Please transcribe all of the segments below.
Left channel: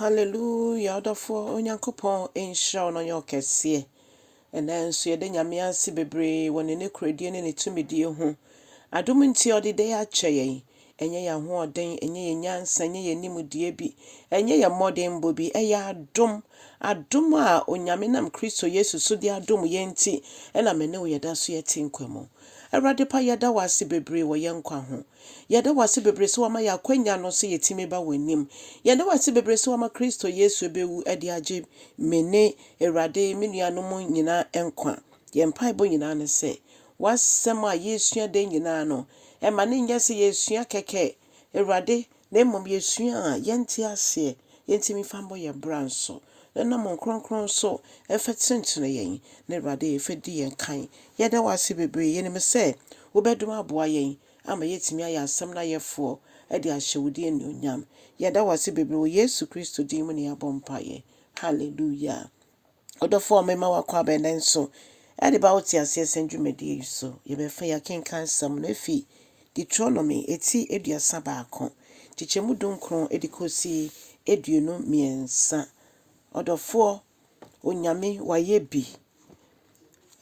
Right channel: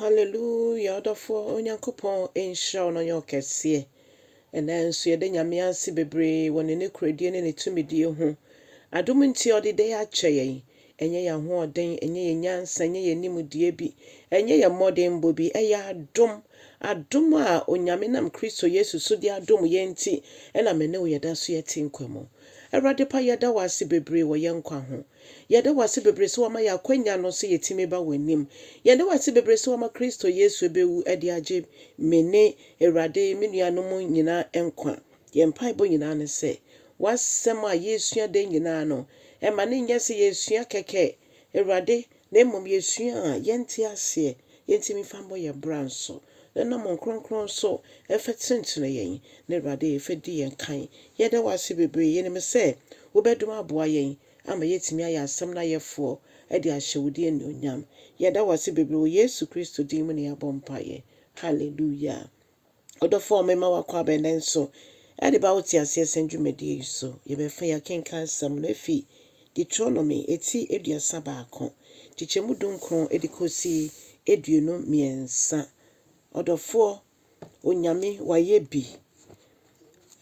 Hallelujah, Odofo Onyankopɔn enhyira no nyokese. Ena nso yɛde nyame ase bebree wɔ ne krodie ne ne tumidie ho. Adom nti ɔde de akyɛ yɛn. Enye yɛ hoɔden, enye yɛ nyansa, enye yɛ nimdie bi, enye yɛ mmɔden bi, ɛyɛ adom a onyame nam Kristo Yesu so de adom yɛn nti, ɛna me ne wo yɛda so yɛte nkwa mu. Awurade pa yɛda wase bebree wɔ yɛn nkwa ho. Yɛda wase bebree so wama yɛ akwanya no so yɛtimi ba w'anim. Yɛda wase bebree so wama Kristo Yesu bewu ɛde agye me ne Awurade me nuanom nyinaa nkwa. Yɛn mpaebɔ nyinaa ne sɛ, wasɛm a yɛsua de nyinaa no, ɛma ne nyɛ sɛ yɛsua kɛkɛ. Awurade, na mmom yɛsua a yɛnte aseɛ, yɛntimi fa mbɔ yɛ bra nso. Ɛnam nkronkron so ɛfɛ tentene yɛn. Na Awurade ɛfɛ di yɛn kan. Yɛda wase bebree yɛnim sɛ wobɛdom aboa yɛn ama yɛtimi ayɛ asɛm na yɛfoɔ ɛde ahyɛ wo din anuonyam. Yɛda wase bebree wɔ Yesu Kristo din mu ne yɛabɔ mpaeɛ. Hallelujah. Odofo mema wakɔ abɛnɛ nso ɛde ba wo te aseɛ sɛ dwumadie yi so. Yɛbɛfa yɛkenka nsɛm no afi Deuteronomy eti aduasa baako. Tikyɛmu dunkron ɛde kɔsi aduonu mmiɛnsa. Odofo onyame wayɛ bi.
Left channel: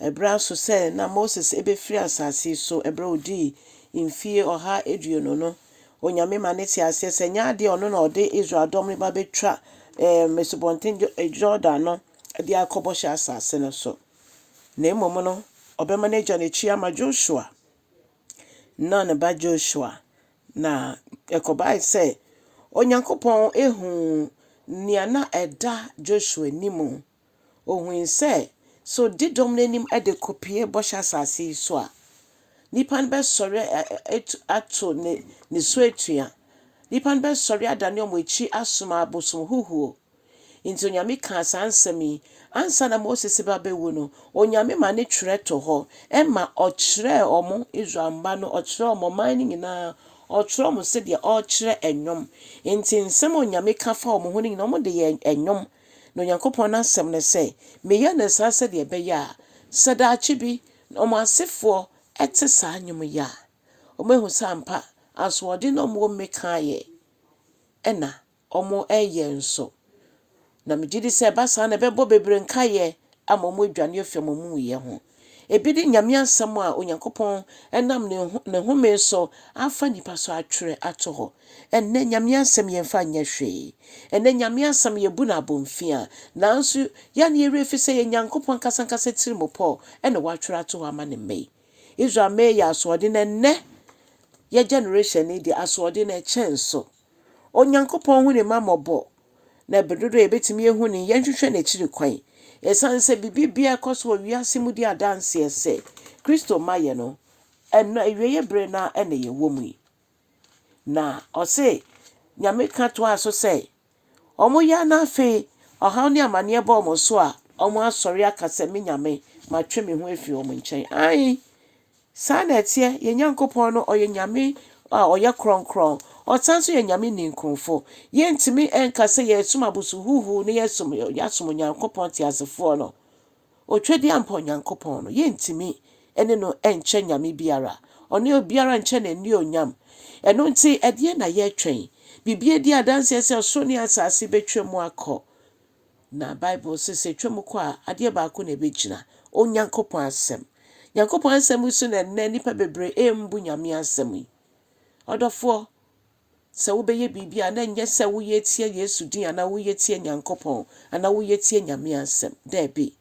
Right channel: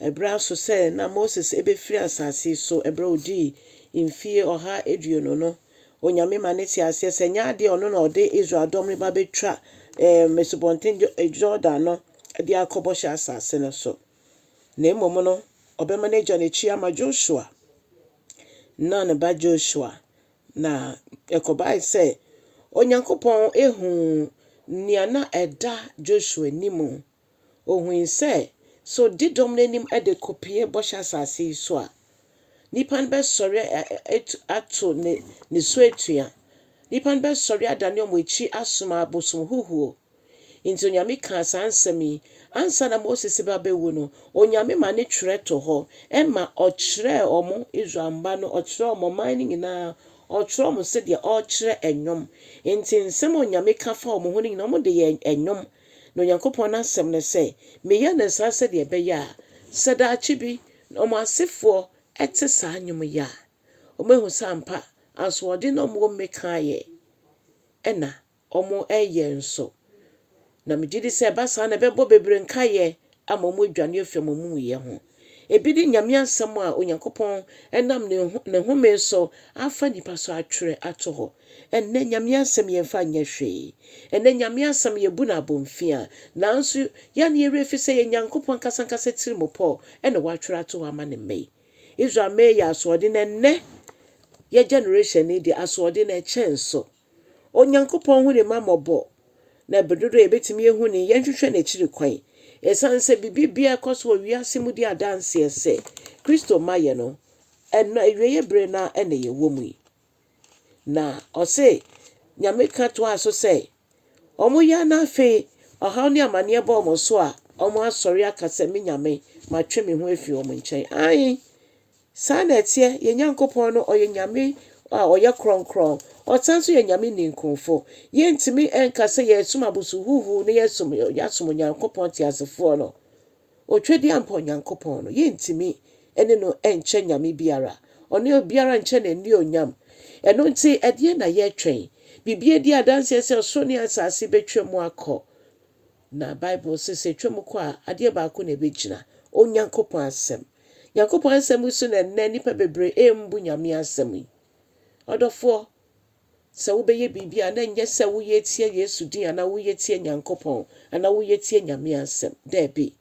Ebra so sɛ na Moses ebefiri asase so ebra odi mfie ɔha aduonu no. Onyame ma ne te aseɛ sɛ nya ade ɔno na ɔde Israel dɔm ba betwa Mesubonten Jordan no de akɔbɔ hyɛ asase no so. Na mmom no ɔbɛma ne gya n'akyi ama Joshua. Na ne ba Joshua na ɛkɔbae sɛ Onyankopɔn ehu nea na ɛda Joshua nimu. Ohun sɛ so di dɔm n'anim ɛde kopie bɔhyɛ asase yi so a nipa no bɛsɔre ato ne so atua. Nipa no bɛsɔre adane ɔmo akyi asoma abosom huhuo. Nti onyame ka saa nsɛm yi ansa na Moses ba bɛwu no, onyame ma ne twerɛ to hɔ ɛma ɔkyerɛ ɔmo Israel mba no, ɔkyerɛ ɔmo man no nyinaa, ɔkyerɛ ɔmo sɛdeɛ ɔkyerɛ ɛnwom. Nti nsɛm onyame ka fa ɔmo ho no nyinaa ɔmo de yɛ ɛnwom. Na Onyankopɔn n'asɛm ne sɛ meyɛ ne saa sɛdeɛ ɛbɛyɛ a sɛ daakye bi ɔmo asefoɔ ɛte saa nnwom yi a ɔmo ehu sɛ ampa asoɔden na ɔmo mmekaayɛ ɛna ɔmo ɛyɛ nso. Na megye di sɛ ɛba saa na ɛbɛbɔ bebree nkaeɛ ama ɔmo adwane afi ɔmo muyɛ ho. Ebi di nyame asɛm a Onyankopɔn ɛnam ne home so afa nipa so atwerɛ ato hɔ. Ɛnnɛ nyame asɛm yɛmfa nyɛ hwee. Ɛnnɛ nyame asɛm yɛbu no abɔmfia. Nanso yɛne yɛwerɛ fi sɛ yɛ Nyankopɔn kasankasa tirimopɔ ɛna watwerɛ ato hɔ ama ne mma yi. Israel mma yɛ asoɔden ɛnnɛ yɛ generation ne de asoɔden ɛkyɛn so. Onyankopɔn hu ne mma mmɔbɔ. Na bedodo yɛbɛtumi ehu ne yɛnhwehwɛ n'akyiri kwan. Ɛsan sɛ bibia ɛkɔ so wɔ wiase mu di adanseɛ sɛ Kristo ma yɛ no ɛna ewieyɛ bere na ɛna yɛwɔ mu yi. Na ɔse nyame ka to aso sɛ ɔmo yɛ na afei ɔhaw ne amanneɛ bɔ ɔmo so a ɔmo asɔre aka sɛ me nyame matwe me ho afi ɔmo nkyɛn. Ai saa na ɛteɛ yɛ Nyankopɔn no ɔyɛ nyame a ɔyɛ kronkron. Ɔsan so yɛ nyame ninkrofo. Yɛntimi ɛnka sɛ yɛsom abosu huhu ne yɛsom Onyankopɔn te asefoɔ no. Otwadi ampa Onyankopɔn no yɛntimi ɛne no ɛnkyɛ nyame biara. Ɔne obiara nkyɛ n'ani onyam. Ɛno nti ɛdeɛ na yɛtwɛn. Bibia di adanseɛ sɛ ɔsoro ne asase betwa mu akɔ. Na Bible sɛ twa mu kɔ a adeɛ baako na ɛbɛgyina. Onyankopɔn asɛm. Nyankopɔn asɛm so na nnɛ nipa bebree embu nyame asɛm yi. Ɔdɔfoɔ sɛ wobɛyɛ bibia na nyɛ sɛ woyɛ tie Yesu din ana woyɛ tie Nyankopɔn ana woyɛ tie nyame asɛm. Daabi.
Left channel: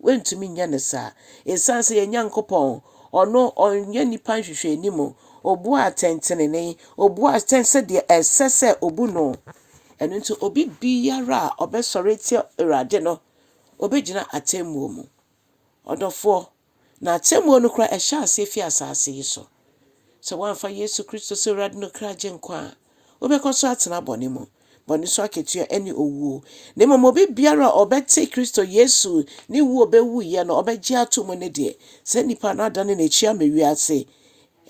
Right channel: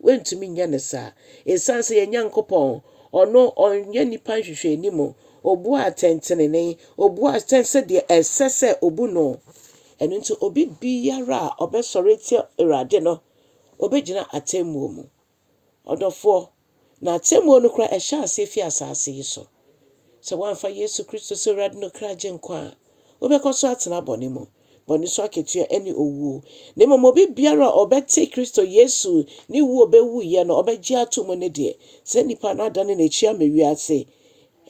Wentumi nyɛ ne saa. Ɛsan sɛ yɛ Nyankopɔn ɔno ɔnyɛ nipa nhwehwɛ anim. Obu atɛntenene, obu atɛn sɛ deɛ ɛsɛ sɛ obu no. Ɛno nti obi biara a ɔbɛsɔre tie Awurade no, ɔbɛgyina atemmuo mu. Ɔdɔfoɔ na atemmuo no kora ɛhyɛ ase fi asase yi so. Sɛ wɔamfa Yesu Kristo sɛ Awurade no kra gye nkwa a wobɛkɔ so atena bɔne mu. Bɔne so akatua ɛne owuo. Na mmom obi biara a ɔbɛte Kristo Yesu ne wu ɔbɛwuyɛ no ɔbɛgye ato mu ne deɛ. Sɛ nipa no adane n'akyi ama wiase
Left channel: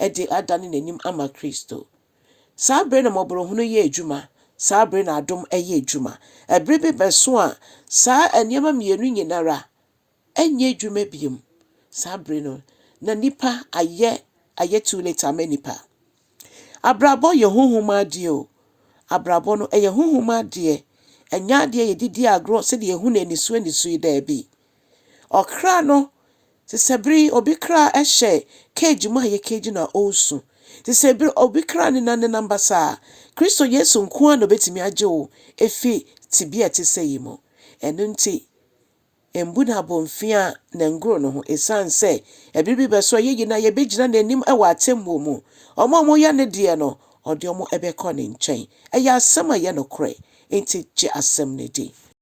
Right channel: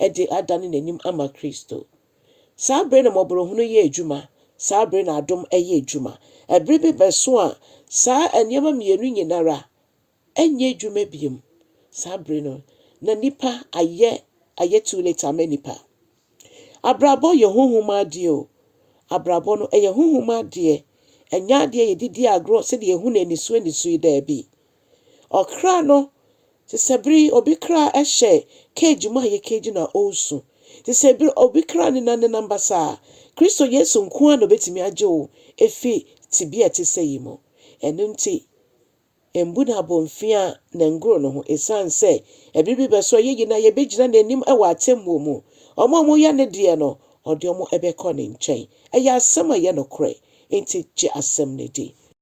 ɛde adane n'anim ama Kristo. Saa bere na mmɔborɔhunu yɛ adwuma. Saa bere na adom ɛyɛ adwuma. Ɛbere bi bɛso a saa nneɛma mmienu nyinara ɛnyɛ adwuma biom. Saa bere no na nipa ayɛ too late ama nipa. Abrabɔ yɛ honhom adeɛ o. Abrabɔ no ɛyɛ honhom adeɛ. ɛnya adeɛ yɛdidi agorɔ sɛdeɛ ehu na anisu daabi. Ɔkra no te sɛ bere obi kra ɛhyɛ cage mu a yɛ cage na ɔresu. Te sɛ bere obi kra ne nanenam basa Kristo Yesu nko a na obetumi agye wo efi tibia te sɛ yi mu. Ɛno nti embu na abɔmfia na ngoro no ho esan sɛ ebere bi bɛso yɛyi na yɛbɛgyina n'anim ɛwɔ atemmuo mu. Ɔmo a moyɛ ne deɛ no ɔde ɔmo ɛbɛkɔ ne nkyɛn. Ɛyɛ asɛm a yɛ nokorɛ. Enti gye asɛm ne di.